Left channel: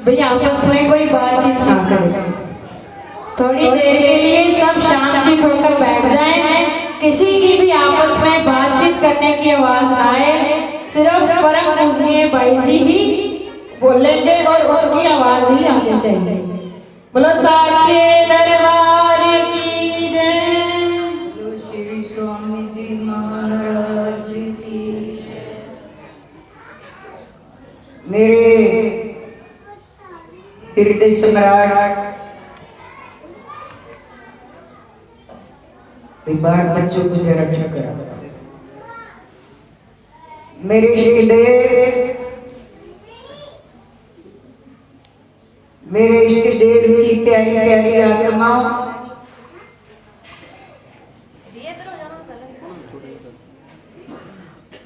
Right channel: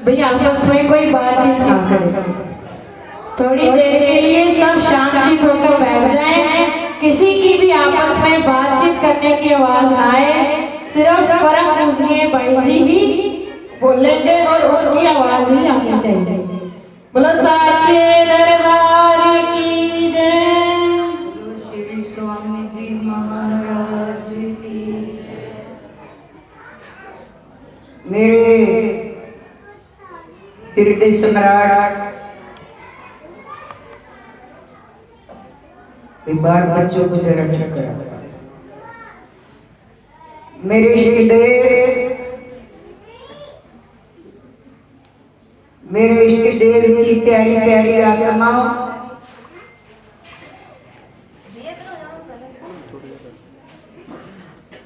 भाई आपस में कोई बातचीत ना करे, थोड़ी देर के लिए सब शांतित होकर बैठ जाएं। किसी की भी आपस में बातचीत करने की आवाज ना आए, सिर्फ परम पूजनीय भाई जी ही बोलेंगे और उनकी आवाज ही आनी चाहिए। बोलो साचे दरबार की जय। बोलो श्री स्वामी जी महाराज की जय। मेरे हृदय सम्राट बार बच्चों को जरा चुप करा। मेरे इष्टदेव, मेरे इष्टदेव की प्यारी प्यारी आत्मा,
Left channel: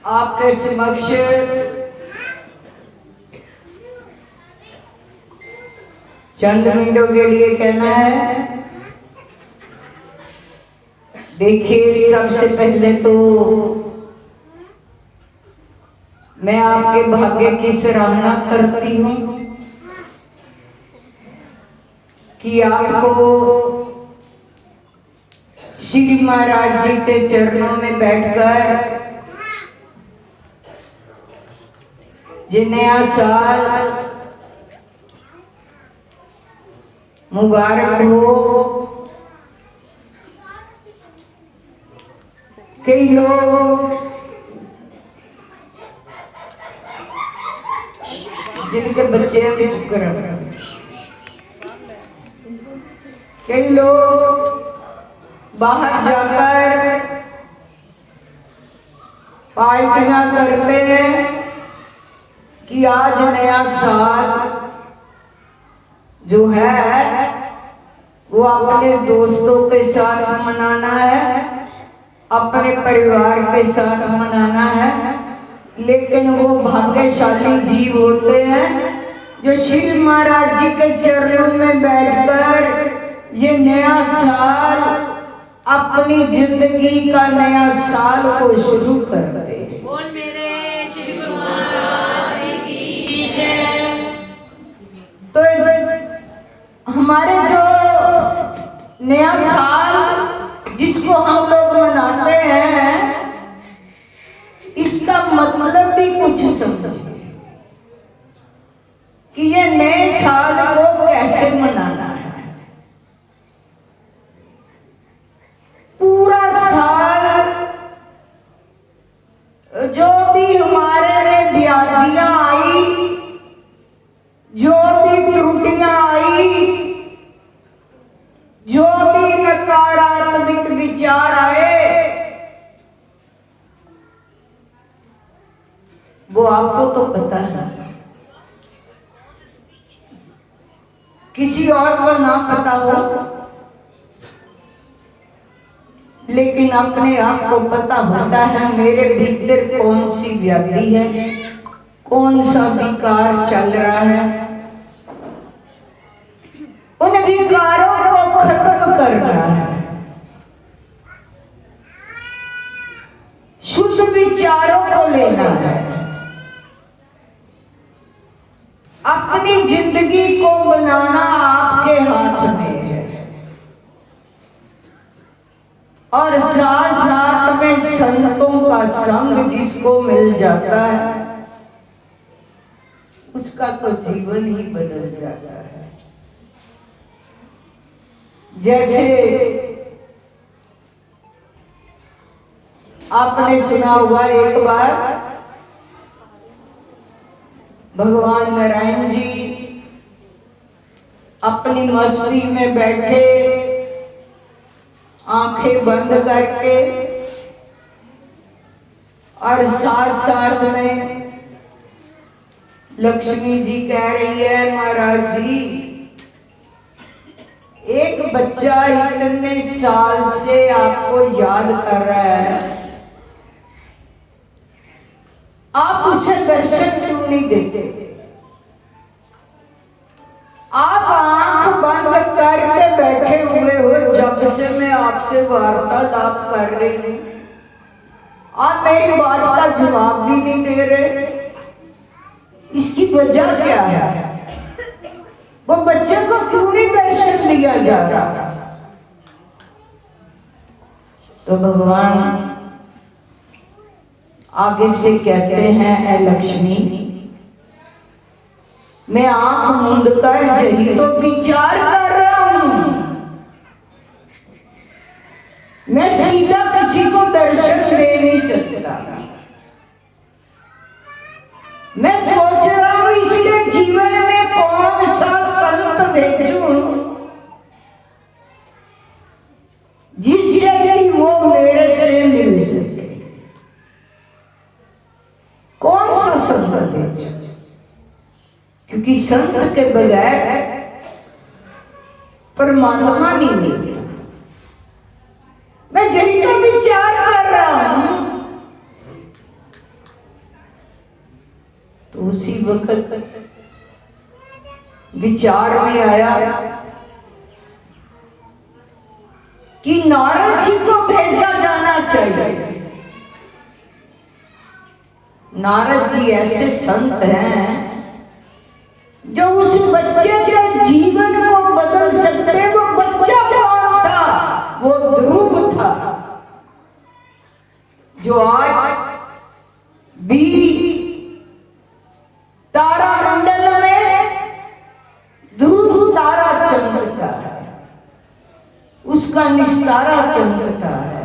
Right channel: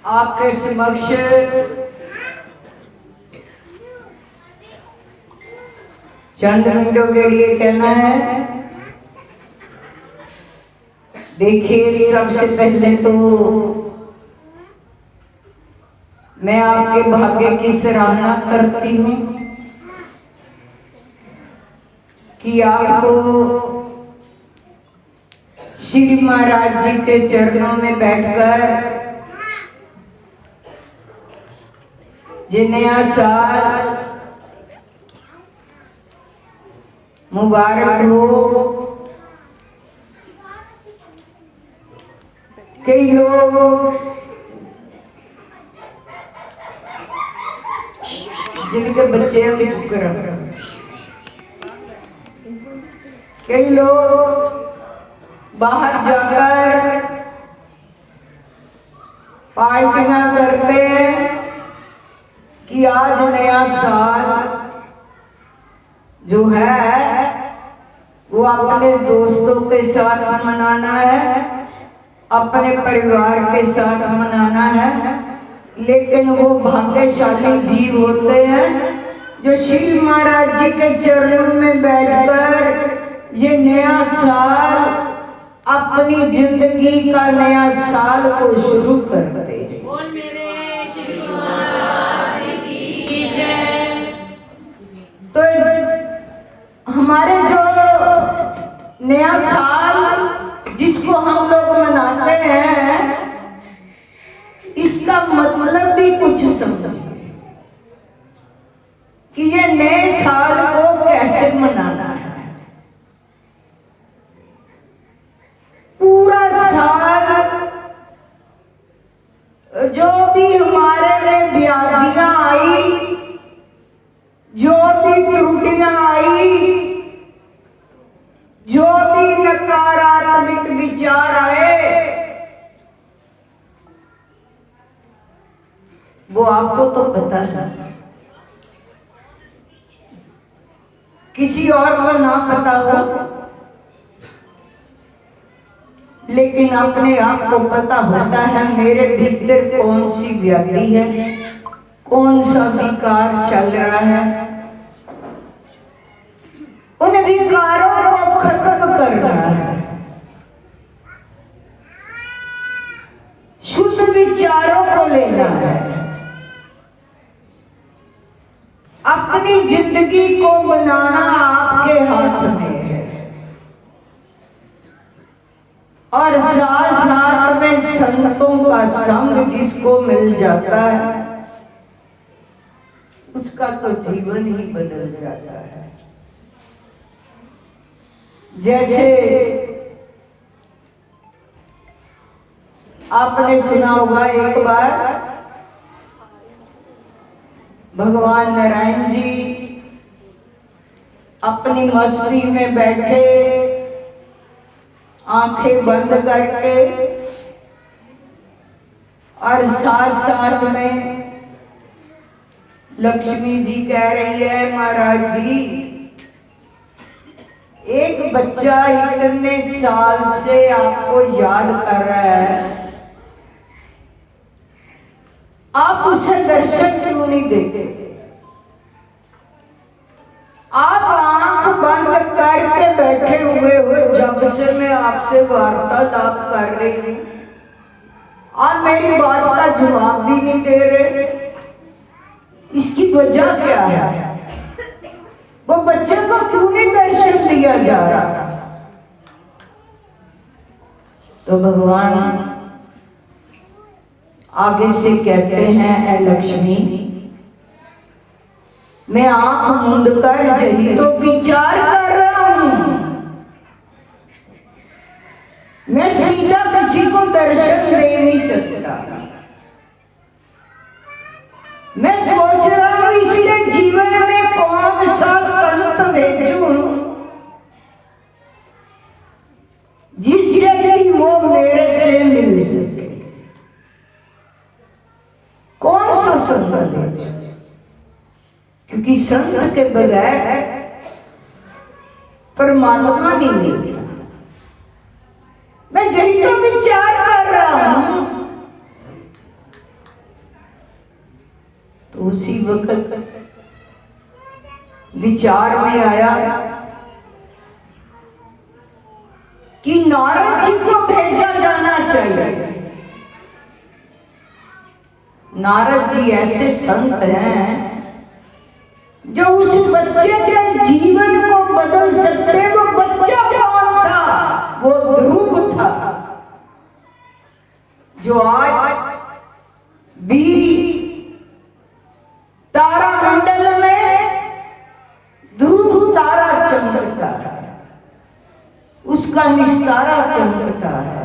आपके समक्ष चंद मिनटों के लिए कहना है। देखिए, सबसे पहले तो मैं आपके भाग्य की सराहना करती हूँ कि आपको श्री महाराज जी के चरणों में बैठकर ये नया साल मुबारक हो। कई लोग जिनके बच्चे भी चुप कर, कई लोग बाहर जाकर पार्टियां करते हैं कि आज नया साल जो है वो अपने दोस्तों के साथ मनाना है, अपने परिवार के साथ मनाना है। लेकिन वो भाग्यशाली जीव होते हैं जो श्री महाराज जी के चरणों में बैठकर ये नया साल, अपनी जिंदगी का नया साल को शुरू करते हैं। बोल मेरे श्री महाराज की जय। तो हमारे जो नया साल जिसको हम लोग मनाते हैं, इसका मतलब भी कुछ समझिए कि ये नए साल को कैसे मनाना है। पूरा साल जो भी हमारे में व्याधियां आई, जो भी त्रुटियां आई, जो भी नकारात्मक विचार आए, वो आपको तो पता है, किसी और को ना पता हो, लेकिन अपने आप को पता होता है मेरे भीतर कौन सी व्याधि है, कौन सा विकार चल रहा है। उन विकारों को खत्म करना है, शुद्ध विचारों को लेना है, अपनी जिंदगी को बनाना आपके हाथ में है। और साथ साथ में संतों का संग जिसको मिल जाता है, उसका तो जीवन ही बदल जाता है। जैसे आपने सुना होगा, एक बार भगवान नारायण जी अपनी मस्ती में बैठे, आंखें बंद करके, और साथ साथ में लक्ष्मी जी कह रही है, महाराज जी एक बच्चा इतने साल से आपको याद कर रहा है, आप उसे दर्शन क्यों नहीं देते? आप आंख बंद करके बैठे हुए हो, जब से मैं आपसे वार्तालाप कर रही हूं, आप मेरी बात का जवाब भी नहीं दे रहे। इसकी वजह क्या है? वो बच्चे को क्यों नहीं दर्शन दिया जा रहा? तो भगवान आगे से कहते हैं, ऐ लक्ष्मी, मैं आंख मूंद कर यही तो विचार कर रहा हूं। मैं सीधा किसी को दर्शन दे नहीं सकता। मैं सोच रहा हूं इसके जीवन में कौन सा संत भेजूं जिससे कि वो मेरे से मिल सके। कौन सा संत भेजूं? क्योंकि संत के बगैर परमात्मा नहीं मिलता। मैं यही तो विचार कर रहा हूं। तो उसी वक्त विचार में आया कि नारद जी को भेजा जाना चाहिए। नारद जी ऐसे संत हैं जो उस बच्चे के जीवन को बदल सकते। वो बच्चा कौन था? वो ध्रुव था, जो आज भी तारा मंडल में ध्रुव तारा चमकता है, उसका निस्तारा चमकता है।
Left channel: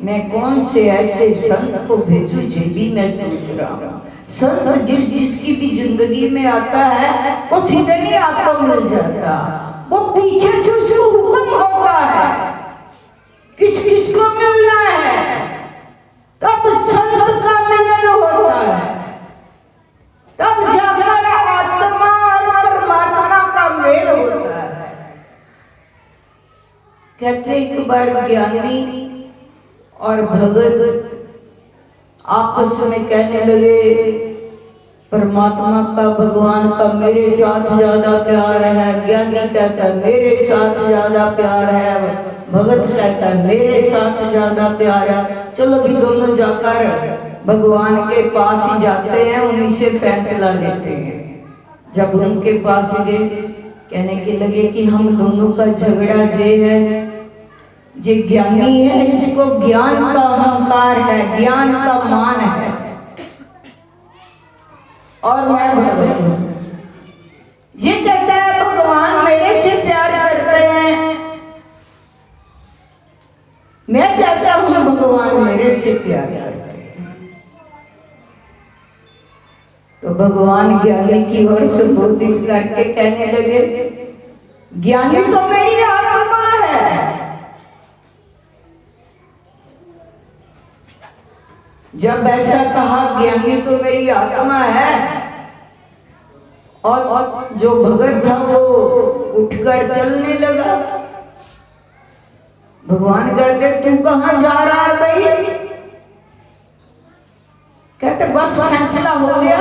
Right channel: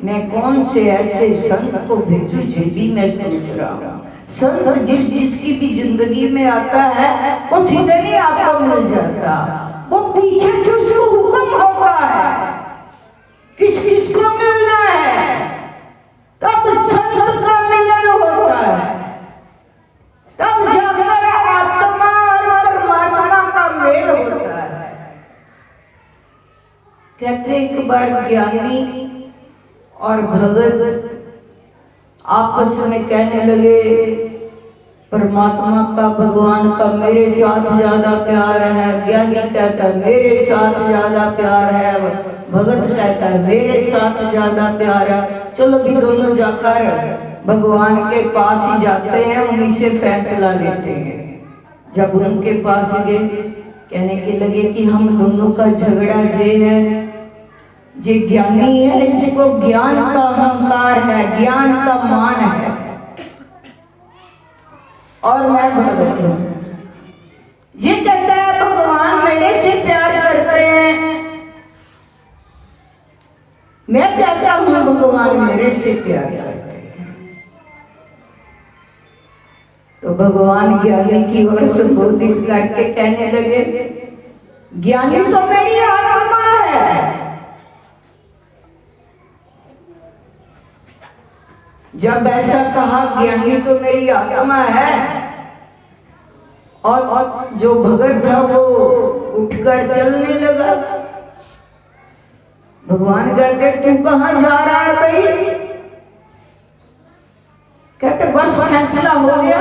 मैं कौन से ऐसे संत को भेजूं? जी मैं सोच रहा हूं। संत जिसकी भी जिंदगी में आता है वो सीधे नहीं आपको मिल जाता। वो पीछे से उसको हुक्म होता है किस किस को मिलना है, तब संत का मिलन होता है। तब जाकर आत्मा और परमात्मा का मेल होता है। कहते एक बार ज्ञानी और भगत आपस में कहने लगे, परमात्मा का, भगवान का मेरे साथ ज्यादा प्यार है। ज्ञानी कहता है मेरे साथ ज्यादा प्यार है, भगत कहता है मेरे साथ ज्यादा प्यार है। चलो भी दोनों जाकर भगवान के पास ही जाते हैं, उन्हीं से फैसला लेते हैं। जब उनके पास गए, कहने के लगे कि हम दोनों का झगड़ा ये है, ये ज्ञानी है, इसको ज्ञान का अहंकार है, ज्ञान का मान है, और मैं भगत हूं। ये कहता है भगवान मेरे से प्यार करते हैं, मैं कहता हूं भगवान मेरे से प्यार करते हैं। तो भगवान ज्ञानी की ओर संबोधित करके कहने लगे, ज्ञानी तो मेरी आत्मा है। जब ऐसा कहा ज्ञानी तो मेरी आत्मा है, और जो भगत था वो उठकर चलने लगा। भगवान कहते तू कहां जा रहा है भाई? कहते बस फैसला हो गया,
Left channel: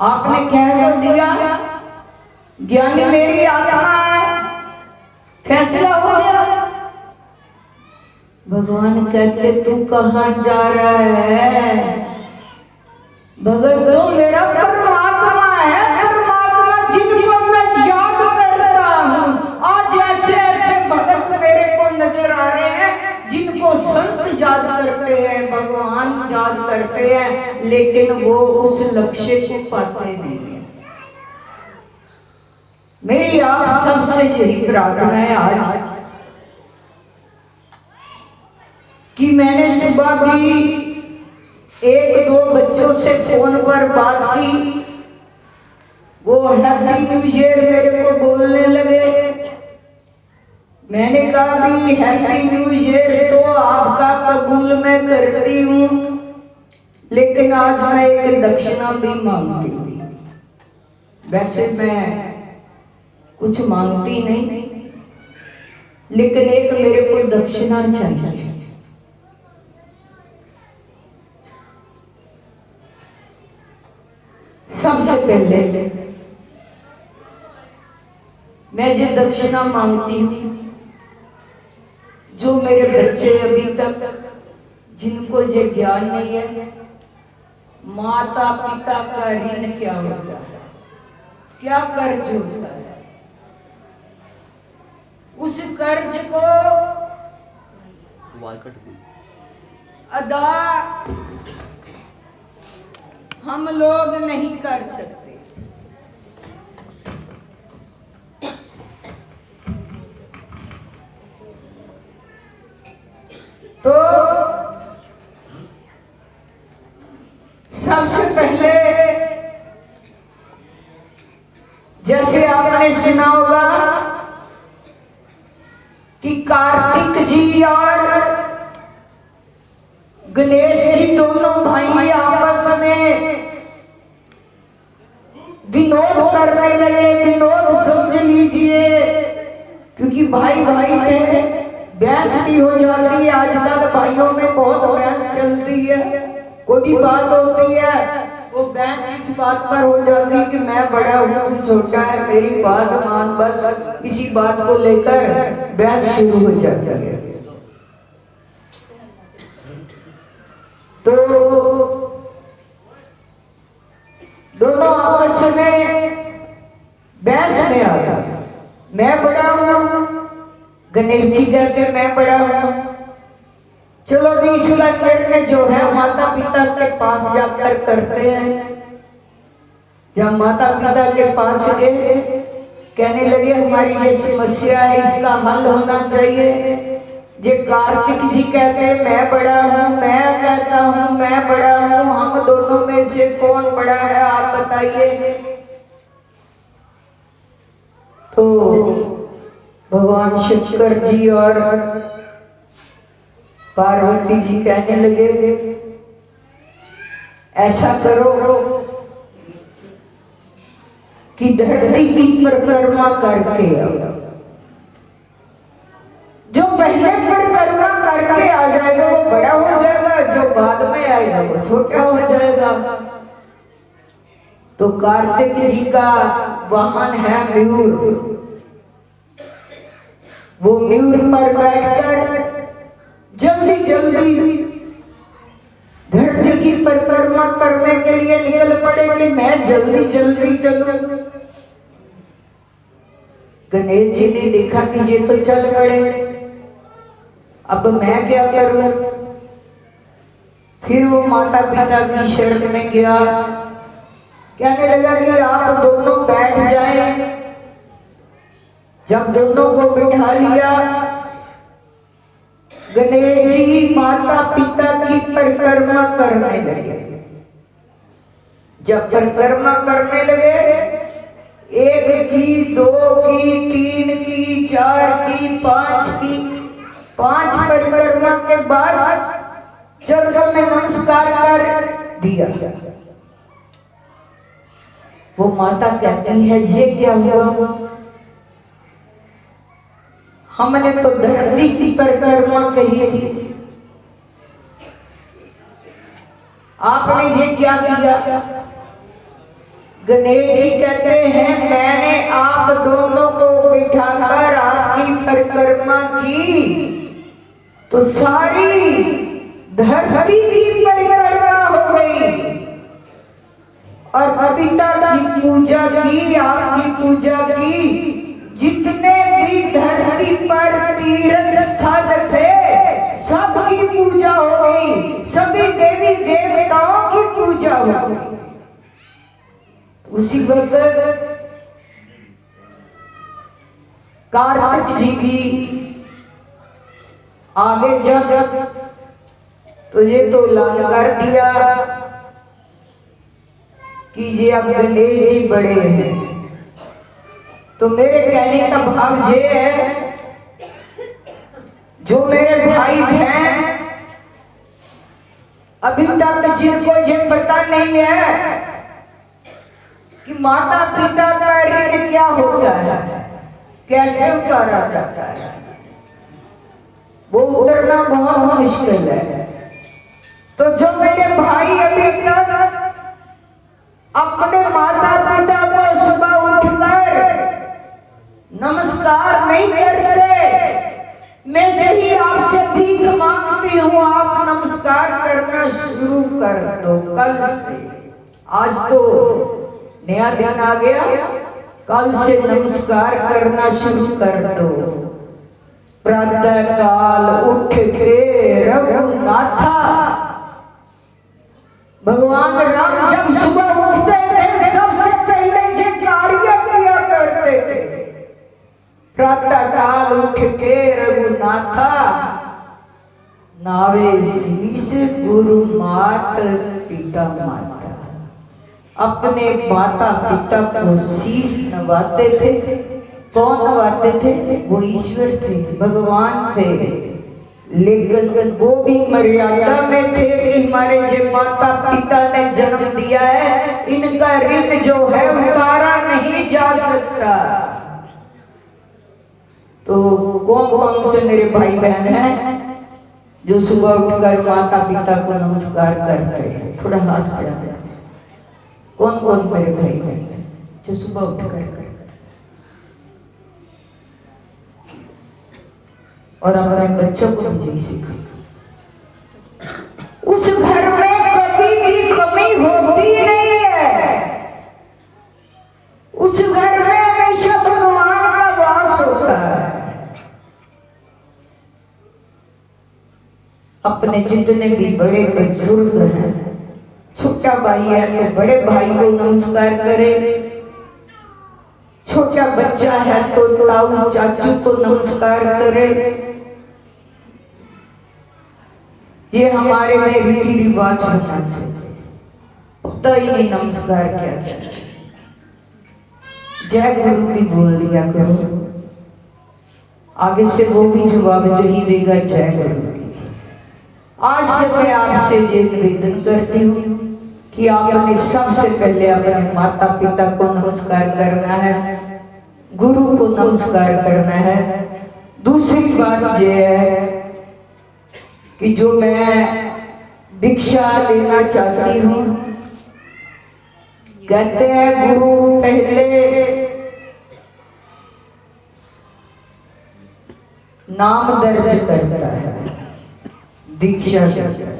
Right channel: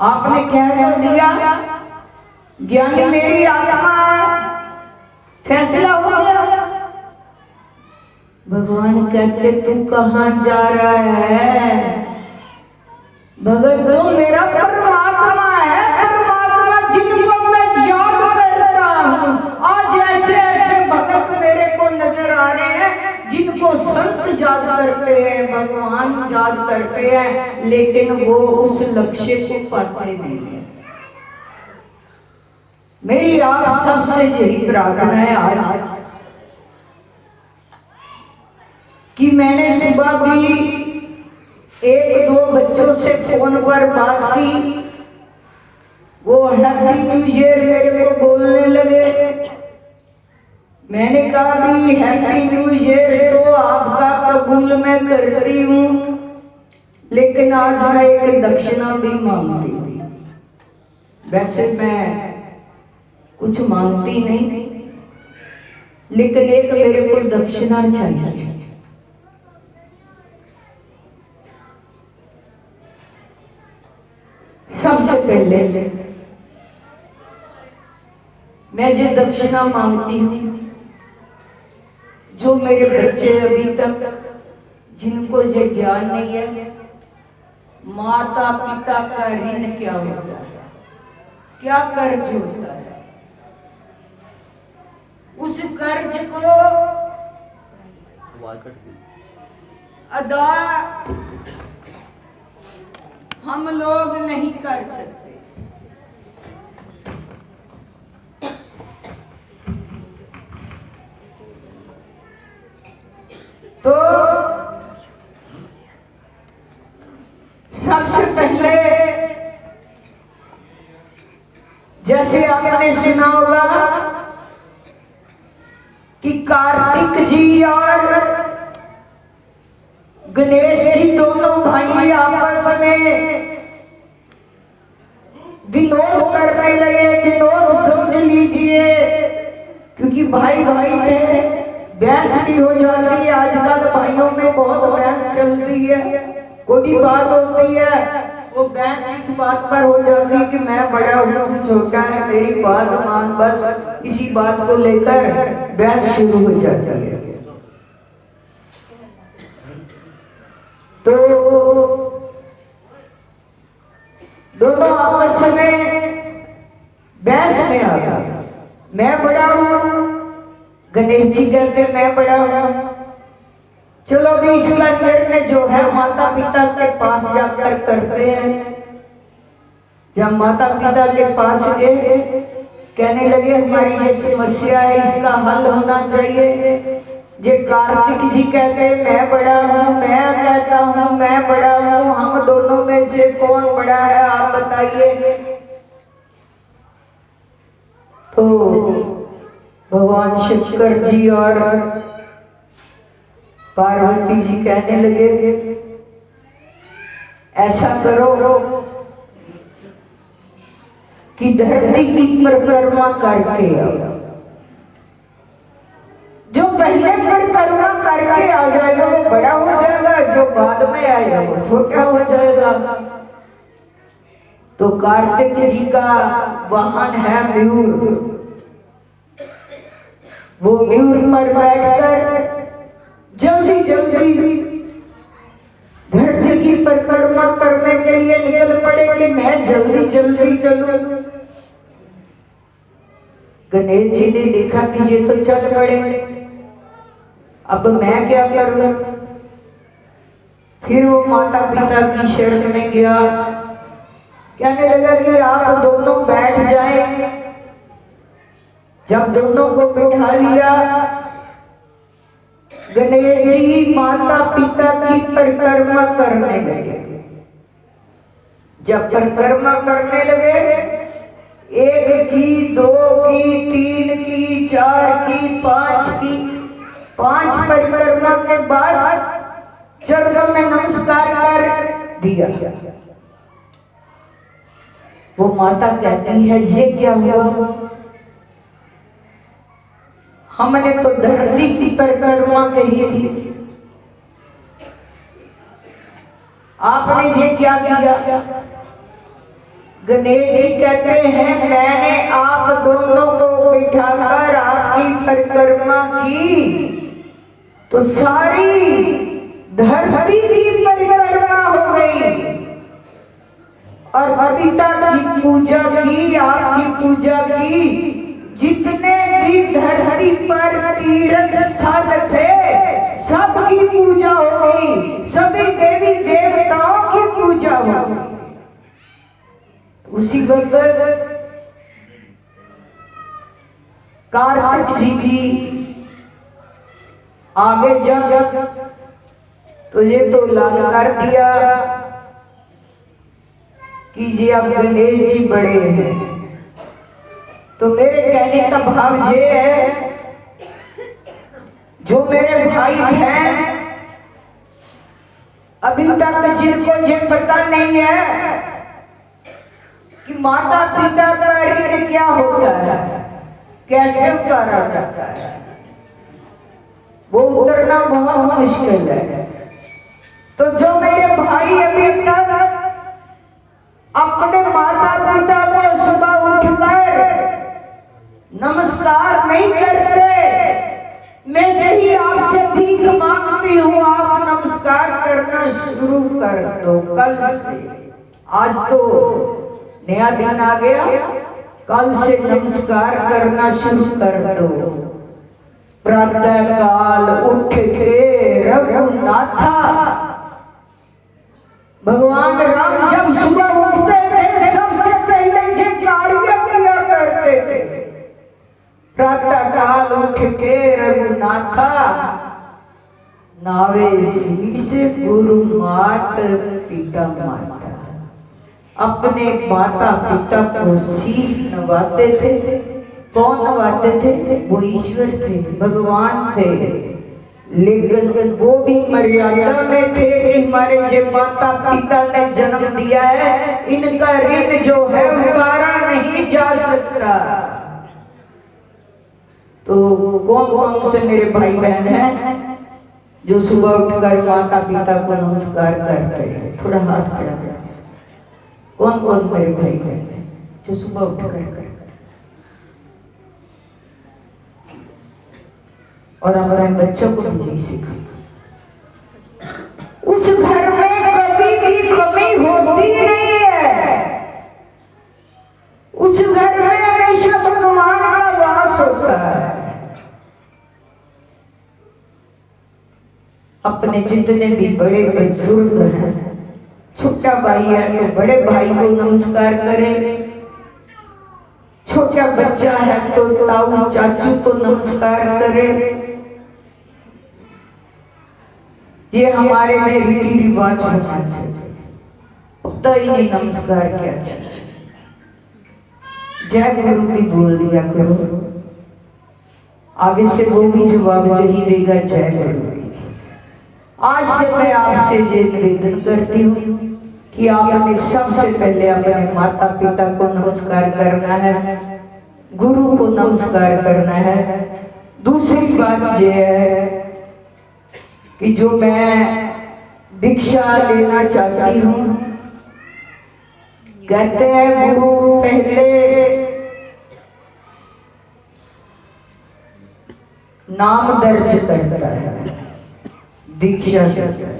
आपने कह तो दिया ज्ञानी मेरी आत्मा है, फैसला हो गया। भगवान कहते तू कहां जा रहा है? भगत तो मेरा परमात्मा है, परमात्मा जिनको मैं याद करता हूं। आज ऐसे ऐसे भगत मेरे को नजर आ रहे हैं जिनको संत याद करते हैं, भगवान याद करते हैं, लेकिन वो उस लक्ष्य को पाते नहीं है। मेरी आप सबसे यही प्रार्थना है आज कि मैंने सुबह भी एक दो बच्चों से फोन पर बात की, वो हैप्पी न्यू ईयर मेरे को बोलने लगे। मैंने कहा भी हैप्पी न्यू ईयर तो आपका कबूल मैं करती हूँ, लेकिन आज मैं एक दक्षिणा भी मांगती हूँ। वैसे मैं कुछ मांगती नहीं, लेकिन एक मेरे को दक्षिणा चाहिए। सबसे पहले मैं ये दक्षिणा मांगती हूँ, जो मेरे बच्चे अभी तक जिनको ये ज्ञान नहीं है, माता पिता का ऋण क्या होता है। क्या कर्ज होता है। उस कर्ज को अदा हम लोग नहीं कर सकते। तो सबसे पहले जैसे आपने सुना होगा कि कार्तिक जी और गणेश जी दोनों भाई आपस में विनोद करने लगे। विनोद समझ लीजिए, क्योंकि भाई भाई थे, बहस भी हो जाती है। आजकल भाइयों में बहुत बहस चलती है। कोई बात होती है वो बहस इस बात पर हो जाती है कि मैं बड़ा हूँ तू छोटा है, मेरी बात मान, बस इसी बात को लेकर बहस शुरू हो जाती है। तो दोनों आपस में बहस में आ गया। मैं बड़ा हूं, गणेश जी कहते मैं बड़ा हूं। चलो भी इसका निर्णय जो है माता पिता के पास जाकर करते हैं। जब माता पिता के पास गए, कहने लगे हमारी ये समस्या है, इसका हल होना चाहिए। जे कार्तिक जी कहते मैं बड़ा हूँ, मैं कहता हूँ मैं बड़ा हूँ, हम दोनों में से कौन बड़ा है आप बताइए। तो भगवान शंकर जी और पार्वती जी कहने लगे ऐसा करो कि धरती की परिक्रमा करके आओ। जो पहले परिक्रमा करके आ जाएगा वो बड़ा हो जाएगा, जो बाद में आएगा वो छोटा हो जाएगा। तो कार्तिक जी का वाहन है मयूर। वो मयूर पर बैठकर जल्दी जल्दी धरती की परिक्रमा करने के लिए निकल पड़े कि मैं जल्दी जल्दी चलूं। गणेश जी ने देखा कि ये तो चल पड़े, अब मैं क्या करूं। फिर वो माता पिता की शरण में गया, कहने लगा कि आप दोनों बैठ जाएं। जब दोनों को बिठा लिया, गणेश जी माता पिता की परिक्रमा करने लगे। जब परिक्रमा करने लगे, 1 की, 2 की, 3 की, 4 की, 5 की, 5 परिक्रमा के बाद चरणों में नमस्कार कर दिया। वो माता कहती है ये क्या हुआ, हमने तो धरती की परिक्रमा कही थी, आपने ये क्या किया। गणेश जी कहते हैं मैंने आप दोनों को बिठाकर आपकी परिक्रमा की तो सारी धरती की परिक्रमा हो गई और पिता की पूजा की, आपकी पूजा की। जितने भी धरती पर तीर्थ स्थान थे सबकी पूजा हो गई, सभी देवी देवताओं की पूजा हो गई। उसी वक्त कार्तिक जी की आगे जब तो ये तो लाल कर दिया कि ये अब गणेश जी बड़े हैं। तो मेरे कहने का भाव ये है, जो मेरे भाई बहन अभी तक जिनको ये पता नहीं है कि माता पिता का ऋण क्या होता है, कैसे उतारा जाता है, वो उतरना बहुत मुश्किल है। तो जो मेरे भाई अभी तक अपने माता पिता को सुबह उठकर नमस्कार नहीं करते, मैं यही आपसे भीख मांगती हूँ, आप नमस्कार करना शुरू कर दो कल से। आज तो नया दिन आ गया, कल से नमस्कार करना शुरू कर दो। प्रातः काल उठ के रघुनाथा, भगवान राम जब सुबह उठते थे सबसे पहले ये कार्य किया करते थे। प्रातः काल उठ के रघुनाथा, नावे शीस गुरु मात पिता माता। अपने माता पिता को शीश नवाते थे। कौन नवाते थे? वो ईश्वर थे, भगवान थे। लेकिन वो भी मर्यादा में थे कि हमारे जो माता पिता ने जन्म दिया है, इनका ऋण जो है उतारा नहीं जा सकता। तो कौन कौन से मेरे भाई बहन हैं जो सुबह उठकर माता पिता को नमस्कार करते हैं? थोड़ा हाथ खड़ा करें। कौन कौन मेरे भाई बहन हैं जो सुबह उठकर करते? और हमारे बच्चों को भी यही सीखो। उस घर में कभी भी कमी होती नहीं है। उस घर में हमेशा भगवान का वास होता है। अपने जितने भी बड़े बुजुर्ग हैं, छोटा भाई है तो बड़े भाई को नमस्कार करे, छोटा बच्चा है तो ताऊ चाचू को नमस्कार करे। ये हमारे में रीति रिवाज होना चाहिए। पता ही नहीं नमस्कार क्या चाहिए। जय गुरु भी बोल दिया करो, आगे से वो भी जवाब यही देगा, जय गुरु की। आज से मैं आपसे ये निवेदन करती हूँ कि आपने सबसे पहले अपने माता पिता को नमस्कार करना है, गुरु को नमस्कार करना है। दूसरी बात यह है कि जो मैं भिक्षा लेना चाहती हूँ, कहते हैं गुरु पहले नाम दर्ज करता है, दीक्षा देता है,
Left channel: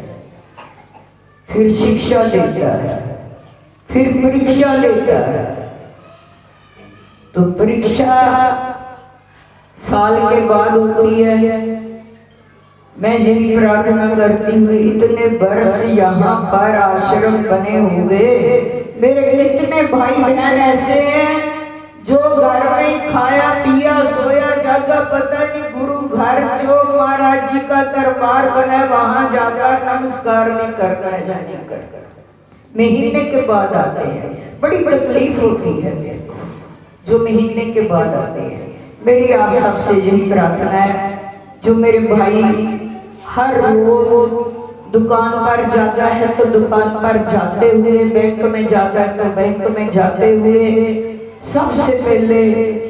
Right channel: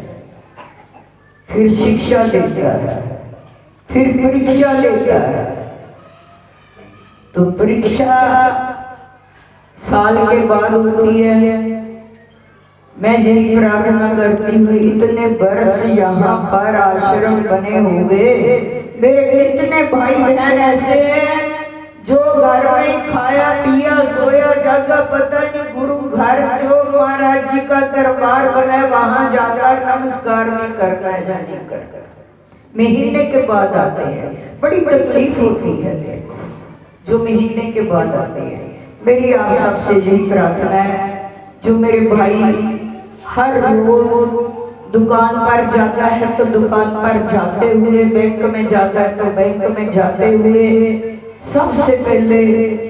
फिर शिक्षा देता है, फिर परीक्षा देता है। तो परीक्षा साल के बाद होती है। मैं यही प्रार्थना करती हूँ, इतने वर्ष यहाँ पर आश्रम बने हुए मेरे कितने भाई बहन ऐसे हैं जो घर में खाया पिया सोया जागा, पता नहीं गुरु घर जो महाराज जी का दरबार बना वहां जाकर नमस्कार नहीं करना है या नहीं करना। महीने के बाद आते हैं, बड़ी तकलीफ होती है जो महीने के बाद आते हैं। मेरी आप सबसे यही प्रार्थना है, जो मेरे भाई हर रोज दुकान पर जाता है तो दुकान पर जाते हुए, बैंक में जाता है तो बैंक में जाते हुए, सबसे पहले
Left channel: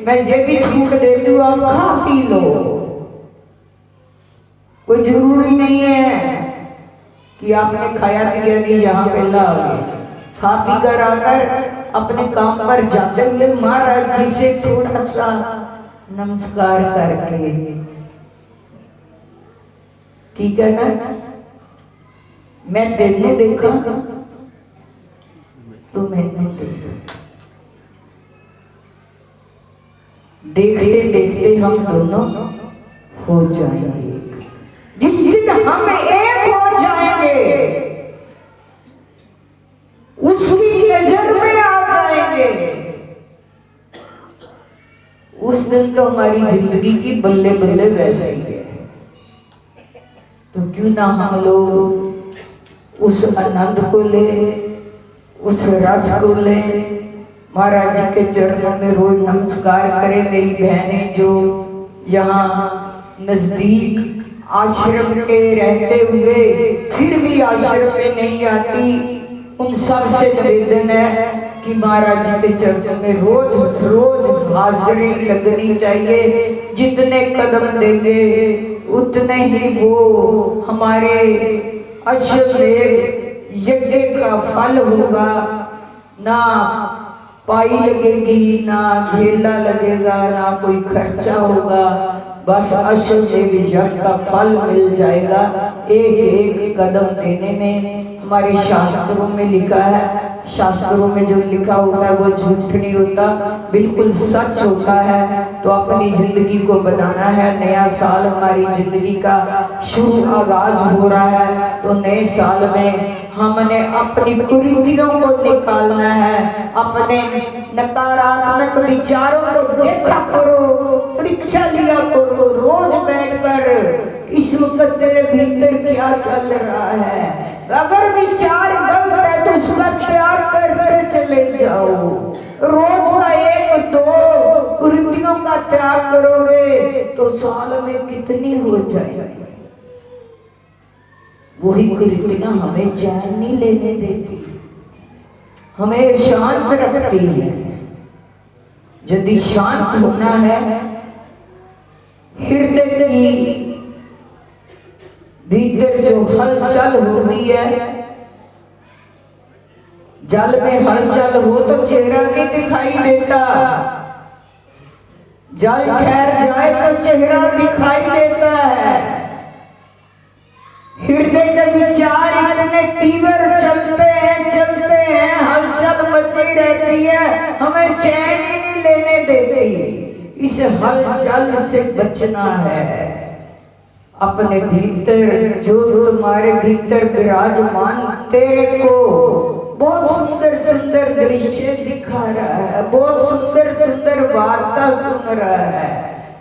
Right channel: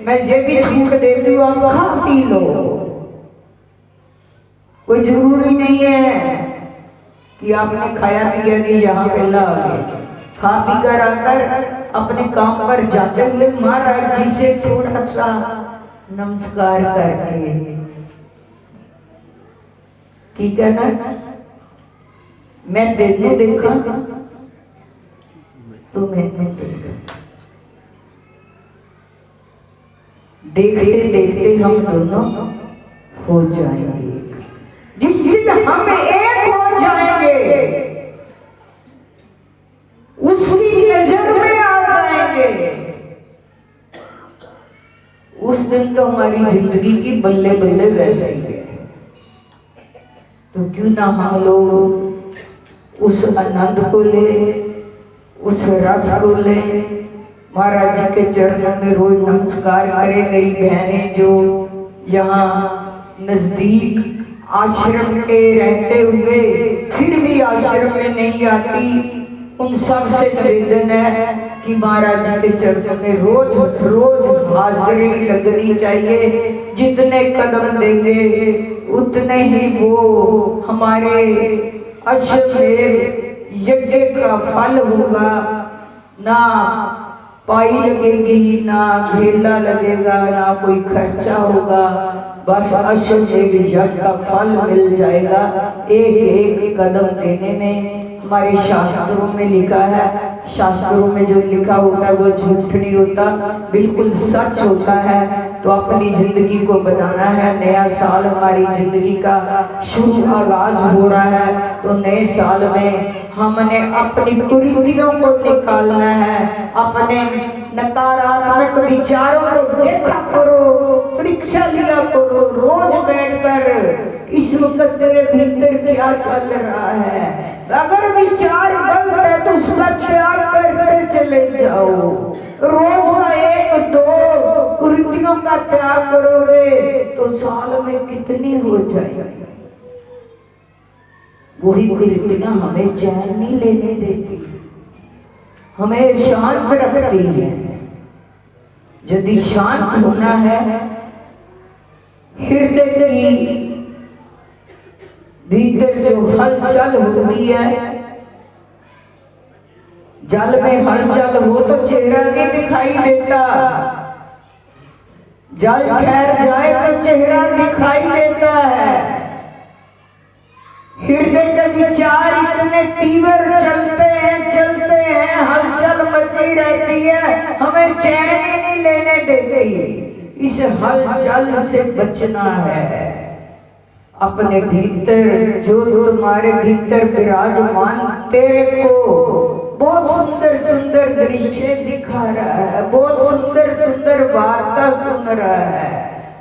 मैं ये भी छूट देती हूँ, आप खा पी लो। कोई जरूरी नहीं है कि आपने खाया पिया नहीं यहाँ पे ला गए। खा पी कर आकर अपने काम पर जाते हुए महाराज जी से थोड़ा सा नमस्कार करके, ठीक है ना? मैं तेने देखा तो मैंने देखा, देखते देखते हम दोनों हो जाएंगे। जिस दिन हम एक हो जाएंगे उसकी नजर में आ जाएंगे, उस दिन तो हमारी जिंदगी की बल्ले बल्ले वैसे ही है। तो क्यों ना हम लोग उस आनंद को ले, उस रस को ले, महाराज जी के चरणों में रोज नमस्कार करें। मेरी बहनें जो यहाँ नजदीक आश्रम के रहते हुए फिर भी आश्रम में नहीं आती, उन सब से निवेदन है कि महाराज जी के चरणों में रोज रोज हाजिरी लगनी चाहिए। जितने कदम देंगे उतने ही वो हमारे अश्वमेध यज्ञ का फल होगा। ना पाई लगेगी, ना घेला लगेगा, ना कोई खर्चा होगा, बस अश्वमेध यज्ञ का फल मिल जाएगा। एक एक कदम देने में हमारे शास्त्रों में लिखा है शास्त्रों में जो लिखा होता है वो झूठ नहीं होता, बिल्कुल सच होता है। तो अपनी जिंदगी को बनाना है। नया साल हमारी जिंदगी का शुभ आगाज हो रहा है, तो नए साल में हमने अपनी कुरीतियों को निकालना है। अपने नकारात्मक विचारों को देखा करो, परीक्षा लिया करो रोज बैठकर, इस वक्त तेरे भीतर क्या चल रहा है। अगर विचार गलत है तो उसका त्याग करते चले जाओ। रोज का 1-2 कुरीतियों का त्याग करोगे तो साल में कितनी हो जाएगी। वही कुरीतियां हमें चैन नहीं लेने देती, हमें शांत रखती है। यदि शांत होना है, हृदय की भीतर जो हलचल होती है, जल में हलचल हो तो चेहरा नहीं दिखाई देता, जल ठहर जाए तो चेहरा दिखाई देता है। हृदय के विचार इतने तीव्र चलते हैं, हलचल मची रहती है, हमें चैन ही नहीं लेने देती। इस हलचल से बचना है। अपने भीतर जो तुम्हारे भीतर विराजमान तेरे को बहुत सुंदर सुंदर दृश्य दिखा रहा है, बहुत सुंदर सुंदर वार्ता सुन रहा है,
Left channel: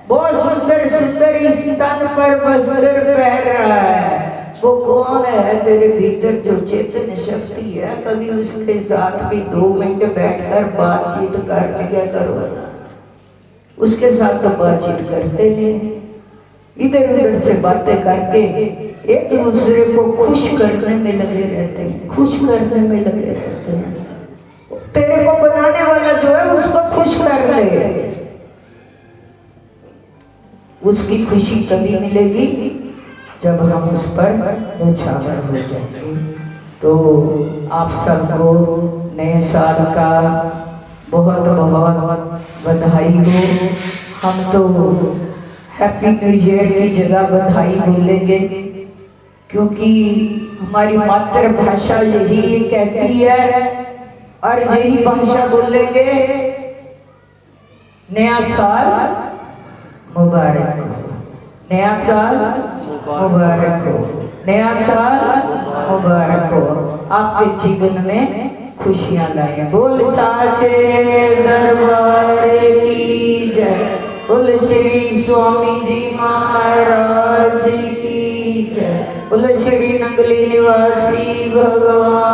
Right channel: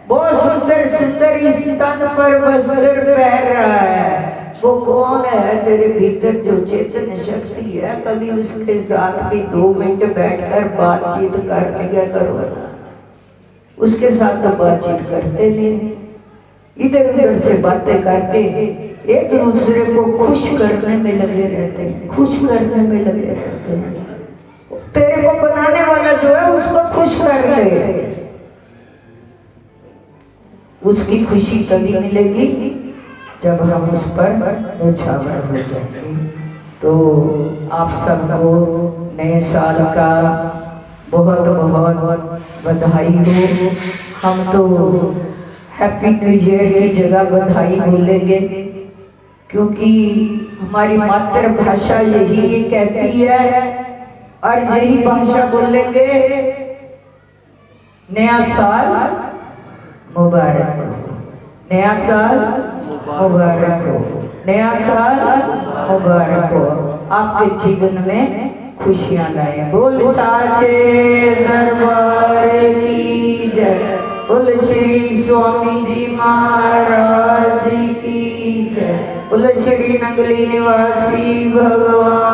बहुत सुंदर सुंदर इस तन पर वस्त्र पहन रहा है, वो कौन है तेरे भीतर जो चेतन शक्ति है। कभी उसके साथ भी 2 मिनट बैठकर बातचीत कर लिया करो। उसके साथ तो बातचीत करते नहीं, इधर उधर से बातें करके एक दूसरे को खुश करने में लगे रहते हैं, खुश करने में लगे रहते हैं। तेरे को बनाने वाला जो है उसको खुश कर ले। उसकी खुशी तभी मिलेगी जब हम उस पर न्यौछावर हो जाएंगे। तो आप सबको नए साल का बहुत बहुत बधाई हो। हम तो हैप्पी न्यू ईयर की जगह बधाई बोलेंगे, क्योंकि हमारी मातृभाषा यही कहती है, और यही भाषा बोलेंगे नया साल मुबारक हो, नया साल मुबारक हो, नया साल मुबारक हो। आपके जीवन में खुशियां लाए। बोल साचे दरबार की जय, बोल श्री स्वामी जी महाराज की जय, बोल श्री नंगली निवासी भगवान